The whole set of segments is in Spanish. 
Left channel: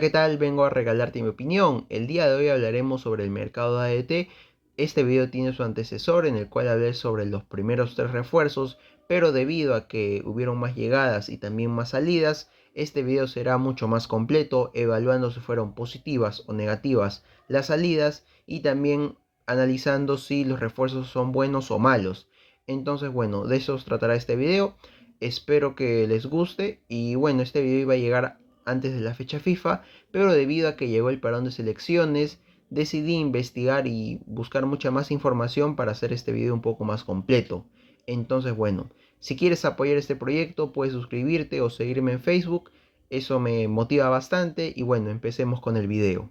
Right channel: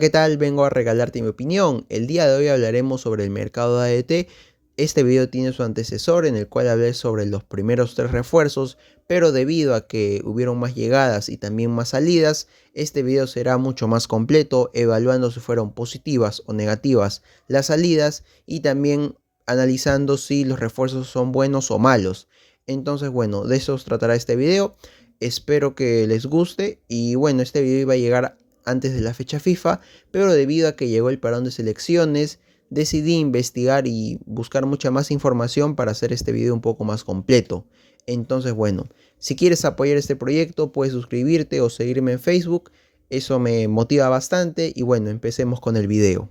¿Qué tal? Vengo a regalarte mi opinión. El día de hoy hablaremos sobre el mercado de ADT. Este video tiene su antecesor en el cual hablé sobre los primeros tres refuerzos, pero debido a que hubieron más llegadas y también más salidas, este video será mucho más completo, evaluando si fueron positivas o negativas las salidas y también analizando si los refuerzos son buenos o malos. Entonces, bueno, de eso os tratará este video. Espero que les guste y bueno, este video iba a llegar antes de la fecha FIFA, pero debido a que llegó el parón de selecciones, decidí investigar y buscar mucha más información para hacer este video un poco más completo. Entonces, bueno, si quieres apoyar este proyecto, puedes suscribirte o seguirme en Facebook, eso me motiva bastante y bueno, empecemos con el video.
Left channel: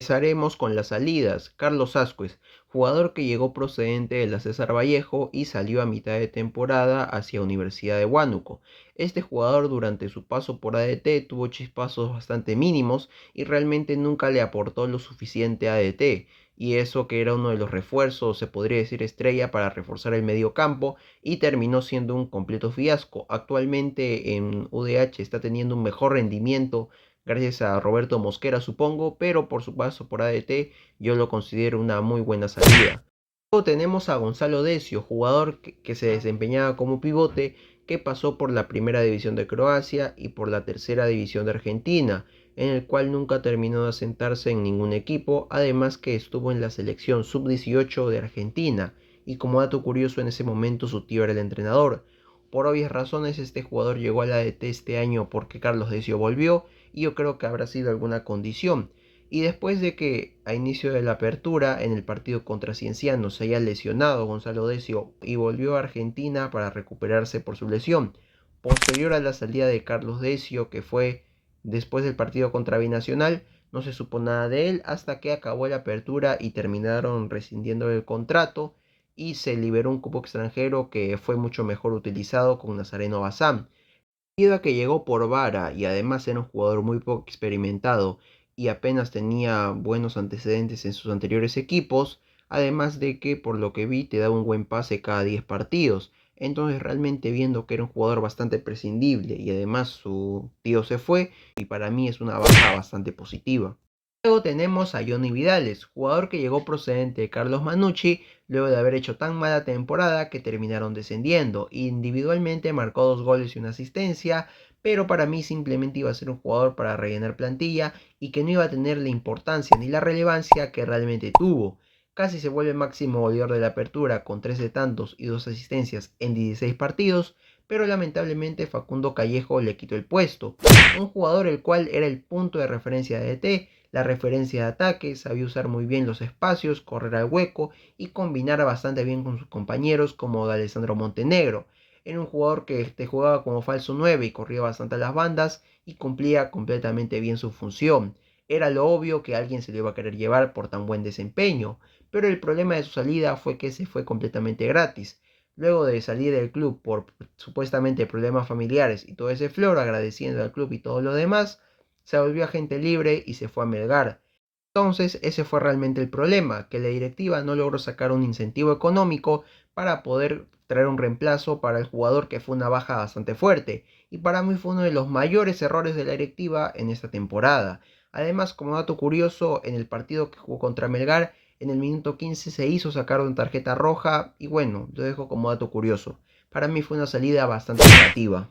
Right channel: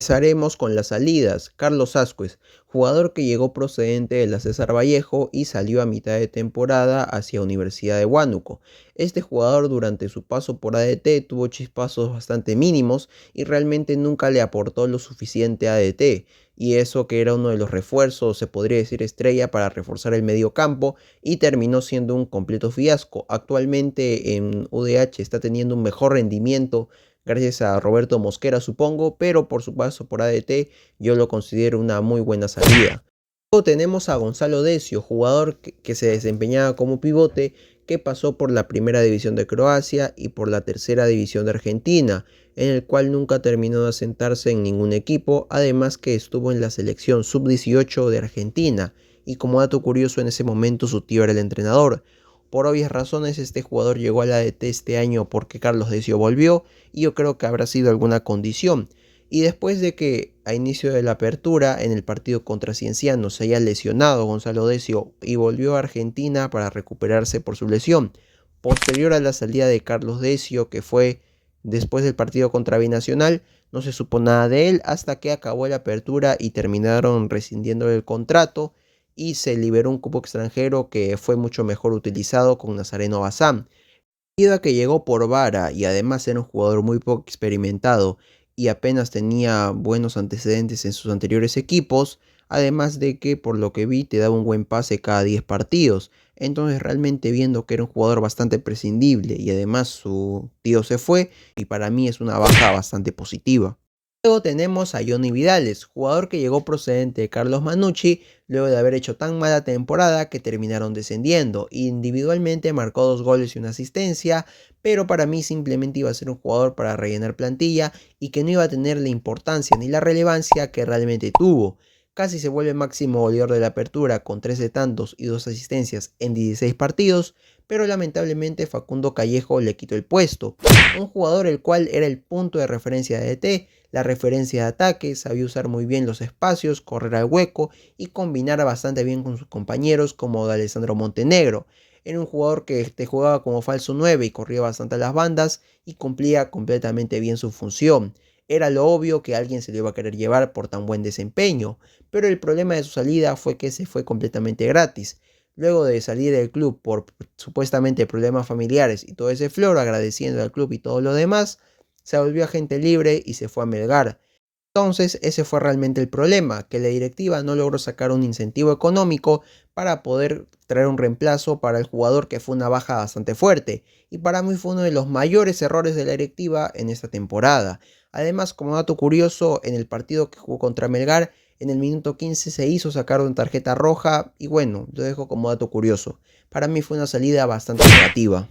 Empezaremos con las salidas. Carlos Ascuez, jugador que llegó procedente de la César Vallejo y salió a mitad de temporada hacia Universidad de Huánuco. Este jugador durante su paso por ADT tuvo chispazos bastante mínimos y realmente nunca le aportó lo suficiente a ADT. Y eso que era uno de los refuerzos, se podría decir estrella para reforzar el medio campo, y terminó siendo un completo fiasco. Actualmente en UDH está teniendo un mejor rendimiento gracias a Roberto Mosquera, supongo, pero por su paso por ADT yo lo considero una muy buena salida. Luego tenemos a Gonzalo Decio, jugador que se desempeñaba como pivote, que pasó por la primera división de Croacia y por la tercera división de Argentina, en el cual nunca terminó de asentarse en ningún equipo, además que estuvo en la selección sub-18 de Argentina, y como dato curioso en ese momento su tío era el entrenador. Por obvias razones este jugador llegó a la ADT este año porque Carlos Decio volvió y yo creo que habrá sido alguna condición. Y después de que a inicio de la apertura en el partido contra Cienciano se haya lesionado Gonzalo Decio y volvió a Argentina para recuperarse por su lesión, posterior a la salida de Carlos Decio, que fue después del partido contra Binacional, no se supo nada de él hasta que acabó la apertura y terminaron rescindiendo el contrato y se liberó un cupo extranjero que fue mucho mejor utilizado con Nazareno Bazán. Debido a que llegó por vara y además era un jugador muy poco experimentado y apenas tenía buenos antecedentes en sus anteriores equipos, además de que por lo que vi te daba un buen pase cada 10 partidos. Entonces realmente viendo que era un jugador bastante prescindible y además su tío se fue, y para mí es una baja bastante positiva. Luego tenemos a Johnny Vidales, jugador que llegó procedente de Carlos Manucci luego de haber hecho tan mala temporada que terminaron descendiendo. Individualmente marcó 2 goles y una asistencia, pero para mí simplemente iba a ser un jugador para rellenar plantilla y que no iba a tener la importancia ni la relevancia que realmente tuvo. Casi se vuelve máximo goleador de la apertura con 13 tantos y 2 asistencias en 16 partidos, pero lamentablemente Facundo Callejo le quitó el puesto. Un jugador el cual era el punto de referencia de DT, la referencia de ataque, sabía usar muy bien los espacios, correr al hueco y combinar bastante bien con sus compañeros como de Alessandro Montenegro. Era un jugador que te jugaba como falso 9 y corría bastante a las bandas y cumplía completamente bien su función. Era lo obvio que alguien se lo iba a querer llevar por tan buen desempeño, pero el problema de su salida fue que se fue completamente gratis. Luego de salir del club por supuestamente problemas familiares y todo ese floro, agradeciendo al club y todo lo demás, se volvió agente libre y se fue a Melgar. Entonces ese fue realmente el problema, que la directiva no logró sacar un incentivo económico para poder traer un reemplazo para el jugador, que fue una baja bastante fuerte y para mí fue uno de los mayores errores de la directiva en esta temporada. Además, como dato curioso, en el partido que jugó contra Melgar, en el minuto 15 se hizo sacar una tarjeta roja y bueno, lo dejo como dato curioso. Para mí fue una salida bastante negativa.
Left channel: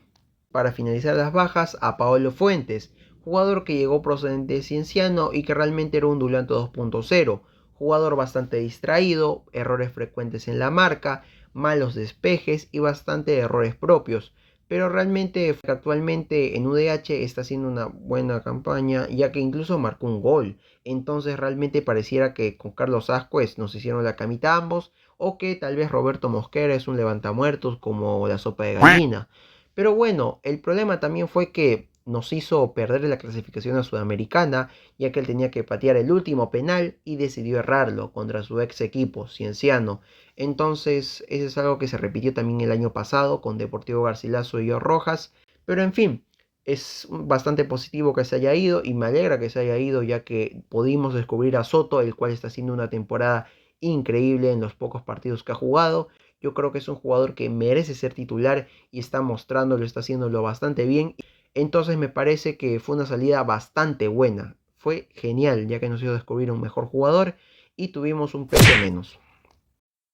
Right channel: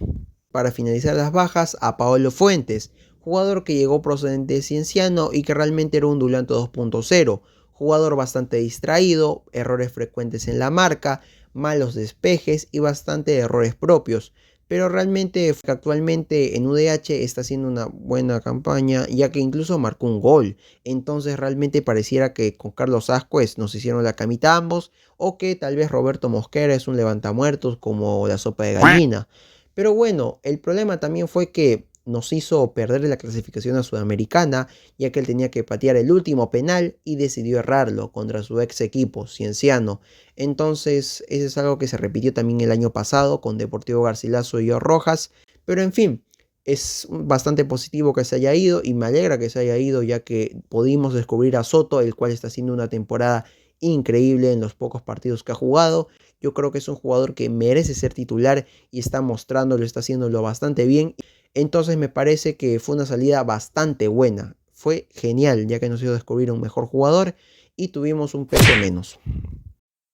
Para finalizar las bajas, a Paolo Fuentes, jugador que llegó procedente de Cienciano y que realmente era un Dulanto 2.0, jugador bastante distraído, errores frecuentes en la marca, malos despejes y bastante errores propios, pero realmente actualmente en UDH está haciendo una buena campaña, ya que incluso marcó un gol. Entonces realmente pareciera que con Carlos Ascuez nos hicieron la camita ambos, o que tal vez Roberto Mosquera es un levantamuertos como la sopa de gallina. Pero bueno, el problema también fue que nos hizo perder la clasificación a Sudamericana, ya que él tenía que patear el último penal y decidió errarlo contra su ex equipo, Cienciano. Entonces, eso es algo que se repitió también el año pasado con Deportivo Garcilaso y Rojas. Pero en fin, es bastante positivo que se haya ido y me alegra que se haya ido, ya que pudimos descubrir a Soto, el cual está haciendo una temporada increíble en los pocos partidos que ha jugado. Yo creo que es un jugador que merece ser titular y está mostrándolo, está haciéndolo bastante bien. Entonces me parece que fue una salida bastante buena. Fue genial, ya que nos hizo descubrir un mejor jugador y tuvimos un peso menos.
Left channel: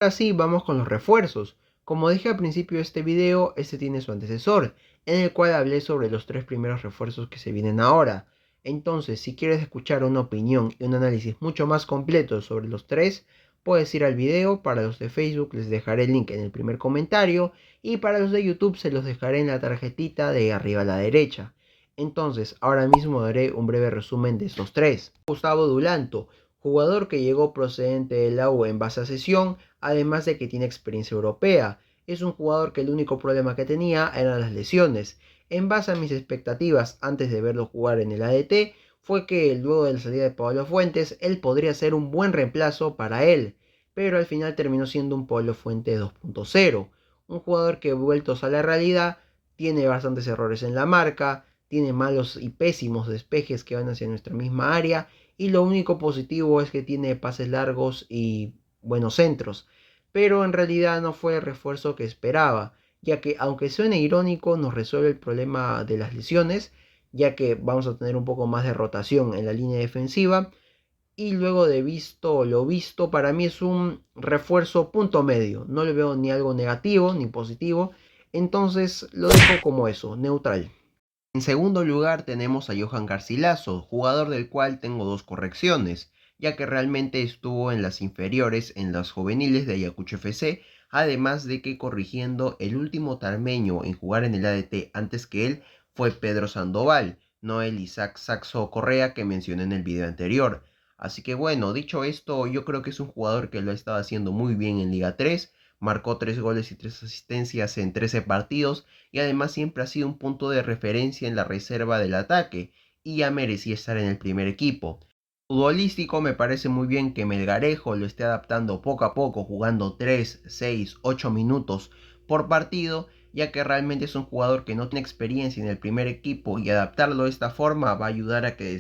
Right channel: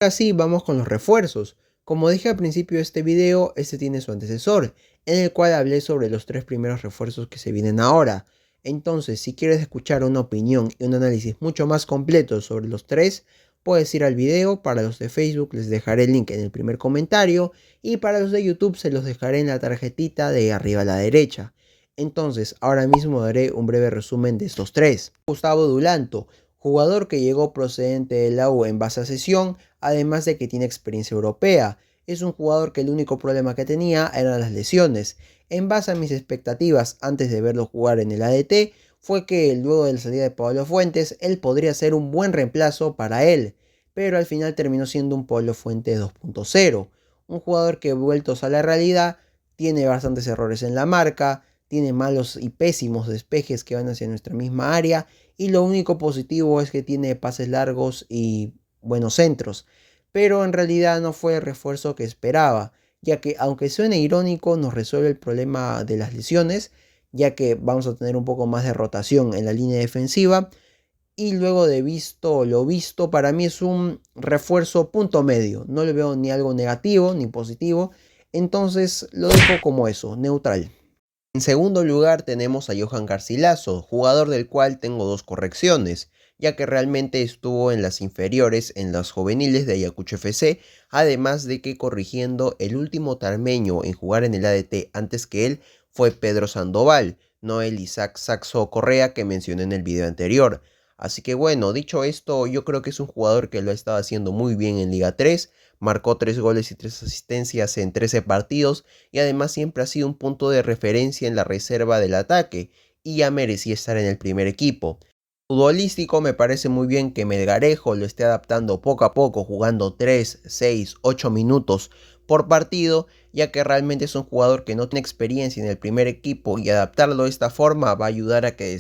Ahora sí, vamos con los refuerzos. Como dije al principio de este video, este tiene su antecesor, en el cual hablé sobre los 3 primeros refuerzos que se vienen ahora. Entonces, si quieres escuchar una opinión y un análisis mucho más completo sobre los 3, puedes ir al video. Para los de Facebook les dejaré el link en el primer comentario y para los de YouTube se los dejaré en la tarjetita de arriba a la derecha. Entonces, ahora mismo daré un breve resumen de estos 3. Gustavo Dulanto, jugador que llegó procedente de la U en base a cesión, además de que tiene experiencia europea. Es un jugador que el único problema que tenía eran las lesiones. En base a mis expectativas antes de verlo jugar en el ADT, fue que luego de la salida de Pablo Fuentes, él podría ser un buen reemplazo para él, pero al final terminó siendo un Pablo Fuentes 2.0, un jugador que vueltos a la realidad, tiene bastantes errores en la marca, tiene malos y pésimos despejes que van hacia nuestra misma área, y lo único positivo es que tiene pases largos y buenos centros, pero en realidad no fue el refuerzo que esperaba, ya que aunque suene irónico nos resuelve el problema de las lesiones, ya que vamos a tener un poco más de rotación en la línea defensiva, y luego de visto lo visto, para mí es un refuerzo punto medio, no le veo ni algo negativo ni positivo, entonces lo dejo como eso, neutral. En segundo lugar tenemos a Johan Garcilaso, jugador del cual tengo 2 correcciones, ya que realmente estuvo en las inferiores en las juveniles de Ayacucho FC, además de que corrigiendo el último tarmeño en jugar en el ADT antes que él fue Pedro Sandoval, no el Isaac Saxo Correa que mencioné en el video anterior. Así que bueno, dicho esto, yo creo que es un jugador que lo ha estado haciendo muy bien en Liga 3, marcó 3 goles y 3 asistencias en 13 partidos y además siempre ha sido un punto de referencia en la reserva del ataque y ya merecía estar en el primer equipo. Futbolístico me parece muy bien que Melgarejo lo esté adaptando poco a poco, jugando 3, 6, 8 minutos por partido, ya que realmente es un jugador que no tiene experiencia en el primer equipo y adaptarlo de esta forma va a ayudar a que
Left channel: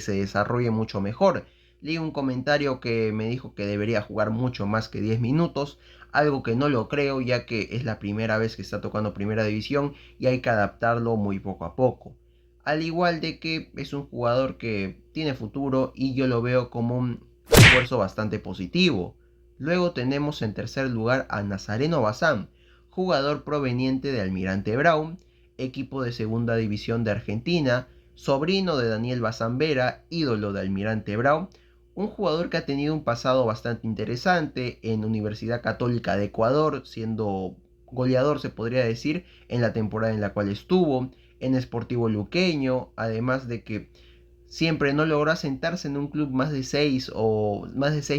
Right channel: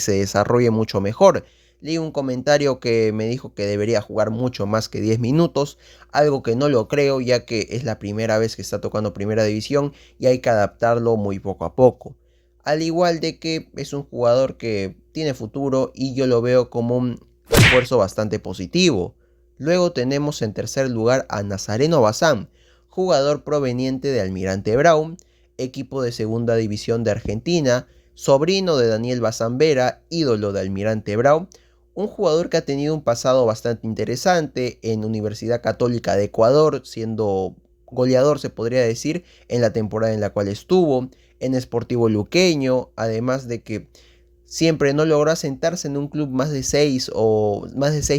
se desarrolle mucho mejor. Leí un comentario que me dijo que debería jugar mucho más que 10 minutos, algo que no lo creo ya que es la primera vez que está tocando primera división y hay que adaptarlo muy poco a poco. Al igual de que es un jugador que tiene futuro y yo lo veo como un esfuerzo bastante positivo. Luego tenemos en tercer lugar a Nazareno Bazán, jugador proveniente de Almirante Brown, equipo de segunda división de Argentina, sobrino de Daniel Bazán Vera, ídolo de Almirante Brown, un jugador que ha tenido un pasado bastante interesante en Universidad Católica de Ecuador, siendo goleador se podría decir en la temporada en la cual estuvo, en Sportivo Luqueño, además de que siempre no logró asentarse en un club más de 6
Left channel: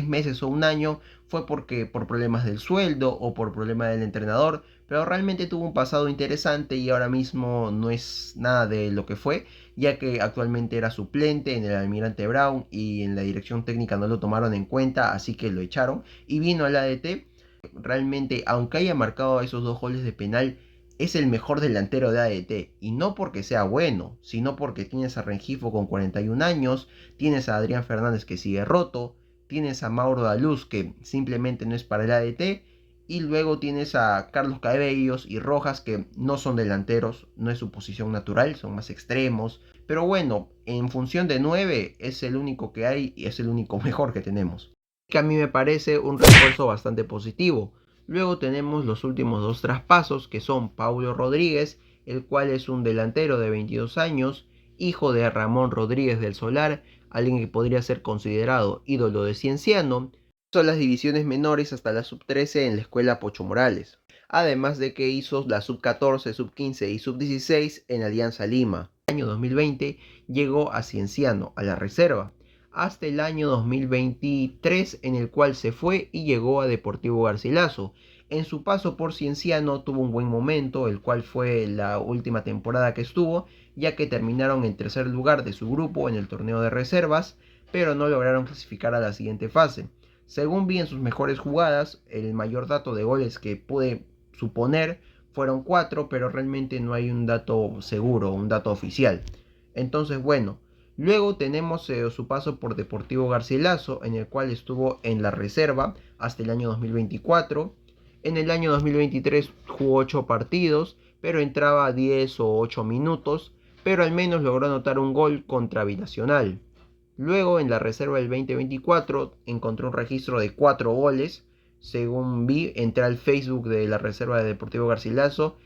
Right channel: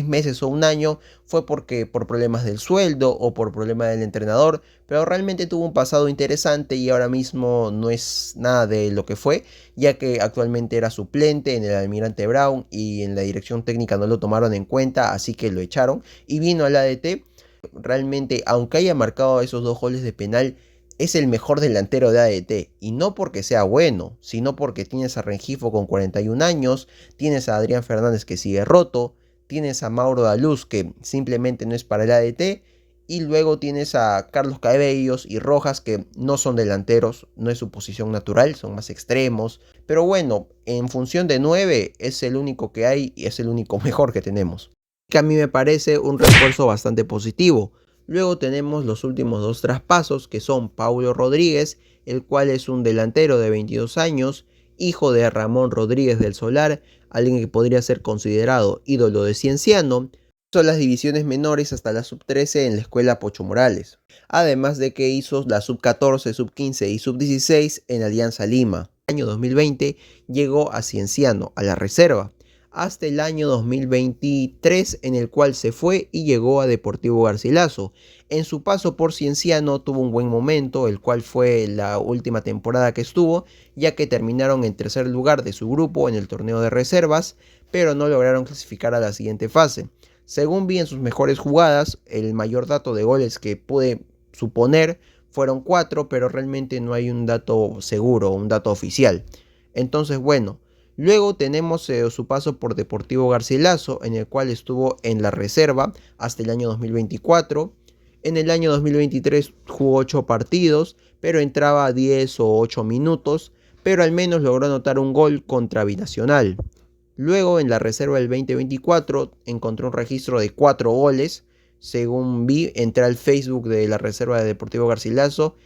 meses o un año, fue porque por problemas del sueldo o por problema del entrenador, pero realmente tuvo un pasado interesante y ahora mismo no es nada de lo que fue, ya que actualmente era suplente en el Almirante Brown y en la dirección técnica no lo tomaron en cuenta, así que lo echaron y vino al ADT. Realmente, aunque haya marcado esos 2 goles de penal, es el mejor delantero de ADT, y no porque sea bueno, sino porque tienes a Rengifo con 41 años, tienes a Adrián Fernández que sigue roto, tienes a Mauro Daluz que simplemente no es para el ADT, y luego tienes a Carlos Cabellos y Rojas que no son delanteros, no es su posición natural, son más extremos, pero bueno, en función de 9 es el único que hay y es el único mejor que tenemos, que a mí me parece un refuerzo bastante positivo. Luego tenemos los últimos 2 traspasos, que son Paulo Rodríguez, el cual es un delantero de 22 años, hijo de Ramón Rodríguez del Solar, alguien que podría ser considerado ídolo de Cienciano. Son las divisiones menores hasta la sub-13 en la escuela Pocho Morales. Además de que hizo la sub-14, sub-15 y sub-16 en Alianza Lima. En el año 2020 llegó a Cienciano, a la reserva, hasta el año 2023 en el cual se fue y llegó a Deportivo Garcilaso. En su paso por Cienciano tuvo un buen momento, el cual fue la última temporada que estuvo, ya que terminaron en tercer lugar de su grupo en el torneo de reservas, pero no lograron clasificar a la siguiente fase. Según vi en sus mejores jugadas, el mayor dato de goles que pude suponer fueron 4, pero realmente no hay un dato seguro, un dato oficial. Entonces, bueno, luego tenemos su paso por Deportivo Garcilaso, en el cual estuvo en la reserva hasta el año 2024. En el año 2023 jugó 8 partidos, pero entraba a 10 o 8 minutos. pero al menos logró anotar un gol contra Binacional. Luego, en la reserva del 2024, encontró un registro de 4 goles. Según vi, entré al Facebook de la reserva de Deportivo Garcilaso,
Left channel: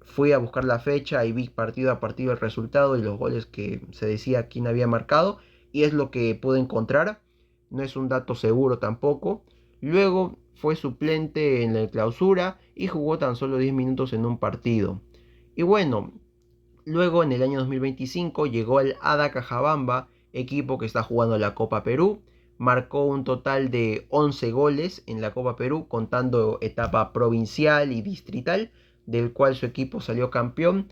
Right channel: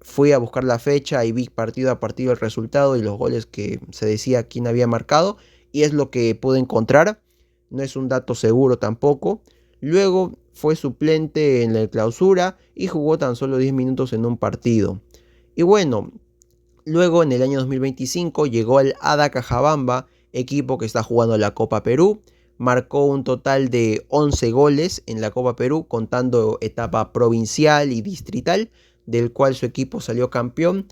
fui a buscar la fecha y vi partido a partido el resultado y los goles que se decía quién había marcado, y es lo que pude encontrar. No es un dato seguro tampoco. Luego fue suplente en la clausura y jugó tan solo 10 minutos en un partido. Y bueno, luego en el año 2025 llegó al Ada Cajabamba, equipo que está jugando la Copa Perú. Marcó un total de 11 goles en la Copa Perú, contando etapa provincial y distrital, del cual su equipo salió campeón,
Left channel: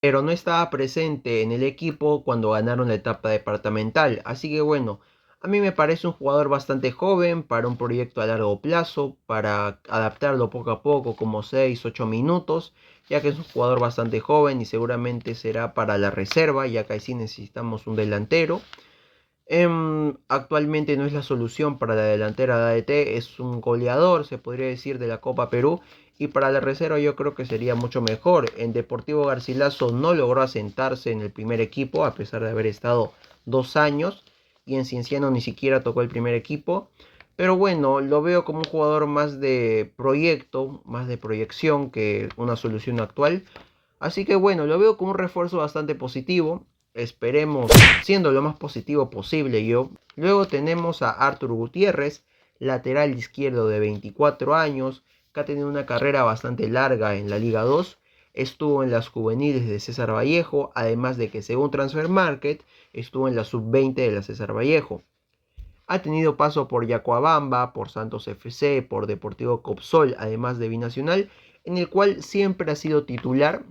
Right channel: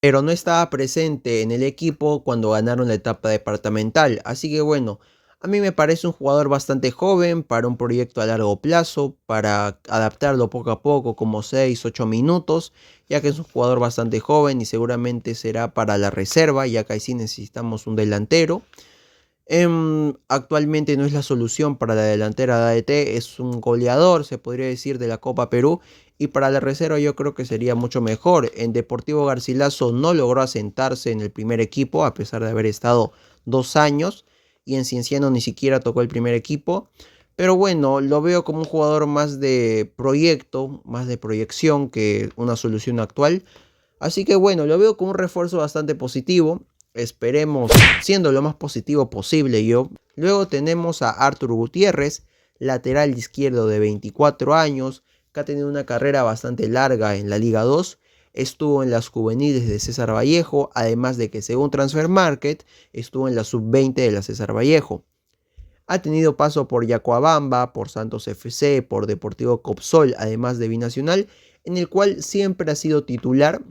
pero no estaba presente en el equipo cuando ganaron la etapa departamental. Así que bueno, a mí me parece un jugador bastante joven para un proyecto a largo plazo, para adaptarlo poco a poco, como 6-8 minutos, ya que es un jugador bastante joven y seguramente será para la reserva, ya que ahí sí necesitamos un delantero. Actualmente no es la solución para la delantera de ADT, es un goleador, se podría decir, de la Copa Perú. Y para la reserva yo creo que sería mucho mejor. En Deportivo Garcilaso no logró asentarse en el primer equipo, a pesar de haber estado 2 años. Y en Cienciano ni siquiera tocó el primer equipo. Pero bueno, lo veo como un jugador más de proyecto, más de proyección que una solución actual. Así que bueno, lo veo como un refuerzo bastante positivo. Esperemos siendo lo más positivo posible yo. Luego tenemos a Arthur Gutiérrez, lateral izquierdo de 24 años, que ha tenido una carrera bastante larga en la Liga 2. Estuvo en las juveniles de César Vallejo, además de que según Transfer Market estuvo en la sub-20 de la César Vallejo. Ha tenido paso por Yacuabamba, por Santos FC, por Deportivo Copsol, además de Binacional, en el cual siempre ha sido titular.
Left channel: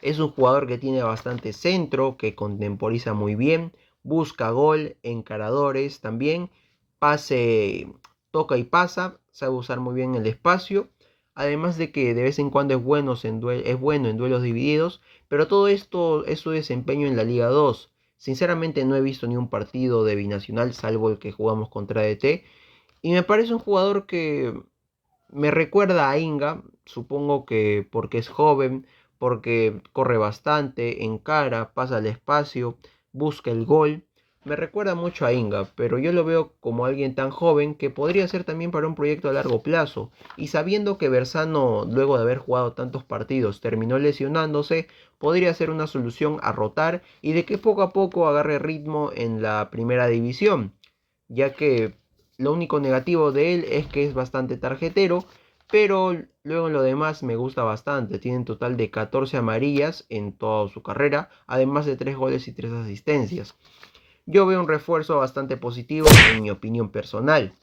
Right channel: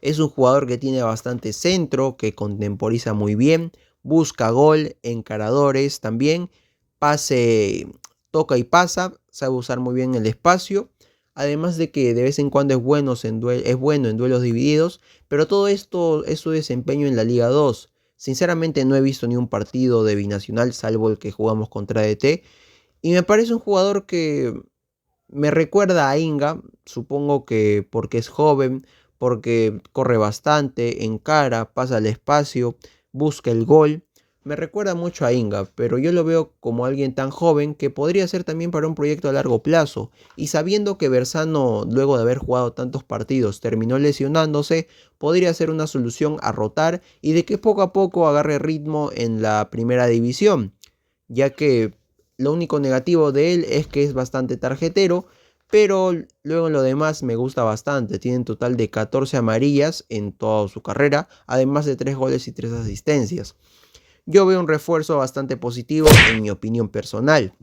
Es un jugador que tiene bastante centro, que contemporiza muy bien, busca gol, encaradores también, pase, toca y pasa, sabe usar muy bien el espacio. Además de que de vez en cuando es bueno en duelos divididos, pero todo esto es su desempeño en la Liga 2. Sinceramente no he visto ni un partido de Binacional salvo el que jugamos contra DT. Y me parece un jugador que me recuerda a Inga, supongo que porque es joven, porque corre bastante, encara, pasa al espacio, busca el gol. Me recuerda mucho a Inga, pero yo lo veo como alguien tan joven que podría ser también para un proyecto a largo plazo. Y sabiendo que Bersano, luego de haber jugado tantos partidos, terminó lesionándose, podría ser una solución a rotar y de que poco a poco agarre ritmo en la primera división, ya que lo único negativo de él es que es bastante tarjetero, pero luego en lo demás me gusta bastante. Tiene un total de 14 amarillas en toda su carrera, además de 3 goles y 3 asistencias. Yo veo un refuerzo bastante positivo en mi opinión personal.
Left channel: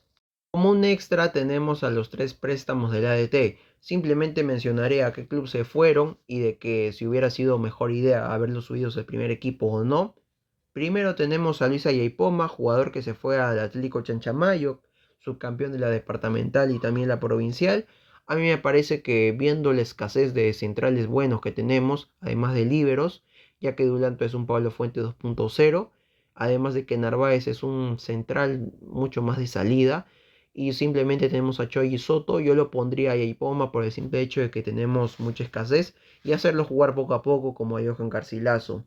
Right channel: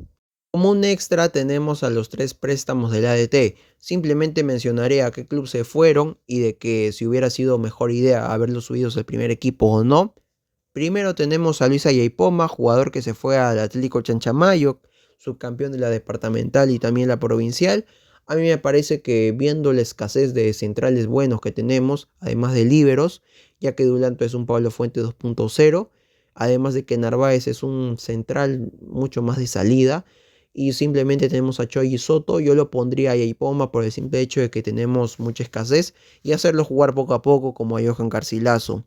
Como un extra tenemos a los 3 préstamos del ADT. Simplemente mencionaré a qué club se fueron y de que si hubiera sido mejor idea haberlos subido al primer equipo o no. Primero tenemos a Luis Ayaipoma, jugador que se fue al Atlético Chanchamayo, subcampeón de la departamental y también la provincial. A mí me parece que viendo la escasez de centrales buenos que tenemos, además de líberos, ya que Dulanto es un Pablo Fuente 2.0, además de que Narváez es un central mucho más de salida, y simplemente tenemos a Choi y Soto, yo lo pondría a Ayaipoma por el simple hecho de que tenemos mucha escasez y hacerlo jugar poco a poco como a Johan Carcilazo.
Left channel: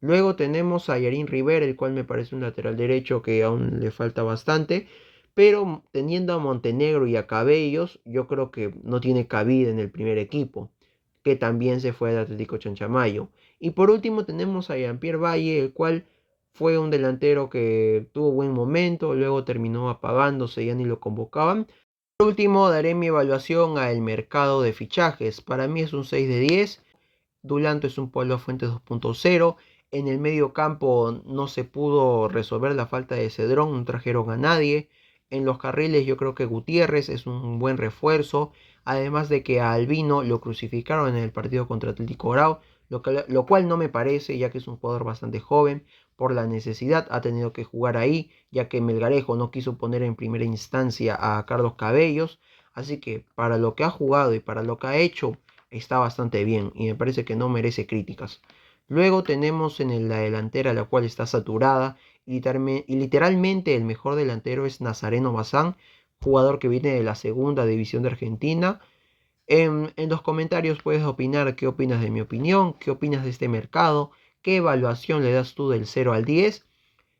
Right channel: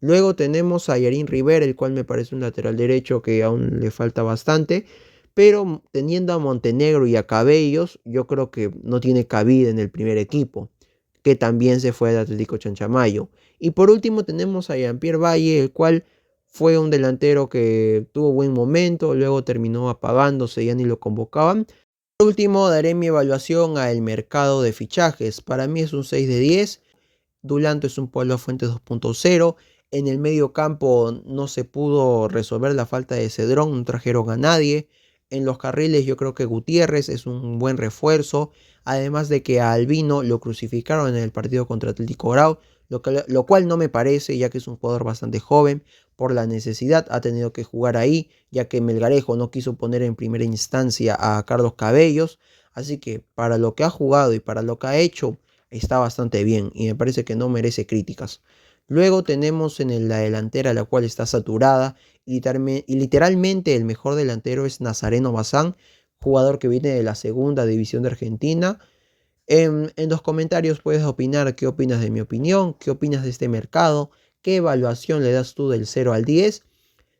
Luego tenemos a Yarin Rivera, el cual me parece un lateral derecho que aún le falta bastante. Pero teniendo a Montenegro y a Cabellos, yo creo que no tiene cabida en el primer equipo, que también se fue al Atlético Chanchamayo. Y por último tenemos a Jean-Pierre Valle, el cual fue un delantero que tuvo buen momento, luego terminó apagándose, ya ni lo convocaban. Por último daré mi evaluación al mercado de fichajes. Para mí es un 6 de 10. Dulanto es un Pablo Fuentes 2.0. En el medio campo no se pudo resolver la falta de Cedrón, no trajeron a nadie. En los carriles yo creo que Gutiérrez es un buen refuerzo. Además de que a Albino lo crucificaron en el partido contra Atlético Grau, lo cual no me parece, ya que es un jugador bastante joven. Por la necesidad ha tenido que jugar ahí, ya que Melgarejo no quiso poner en primera instancia a Carlos Cabellos. Así que para lo que ha jugado y para lo que ha hecho, está bastante bien y me parece que no merece críticas. Luego tenemos en la delantera, la cual está saturada, y literalmente el mejor delantero es Nazareno Bazán, jugador que viene de la segunda división de Argentina. En los comentarios puedes opinar qué opinas de mi opinión, qué opinas de este mercado, ¿Qué evaluación le das tú del 0 al 10?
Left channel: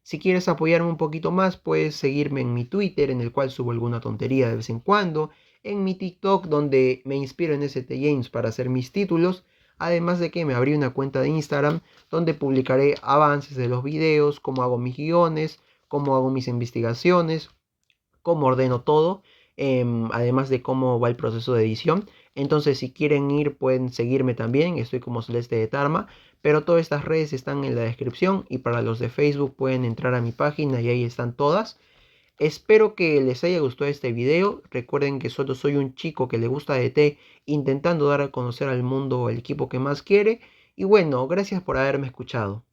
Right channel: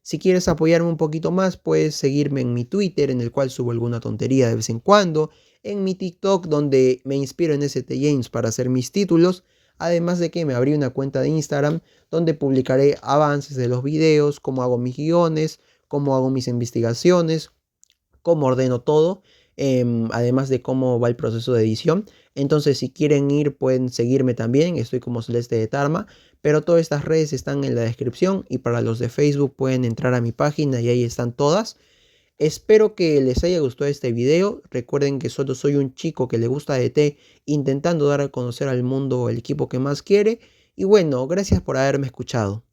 Si quieres apoyarme un poquito más, puedes seguirme en mi Twitter, en el cual subo alguna tontería de vez en cuando, en mi TikTok, donde me inspiro en ST James para hacer mis títulos, además de que me abrí una cuenta de Instagram, donde publicaré avances de los videos, cómo hago mis guiones, cómo hago mis investigaciones, cómo ordeno todo, además de cómo va el proceso de edición. Entonces, si quieren ir, pueden seguirme también. Estoy como Celeste de Tarma, pero todas estas redes están en la descripción y para los de Facebook pueden entrar a mi página y ahí están todas. Espero que les haya gustado este video. Recuerden que solo soy un chico que le gusta DT intentando dar a conocer al mundo el equipo que más quiere. Y bueno, gracias por haberme escuchado.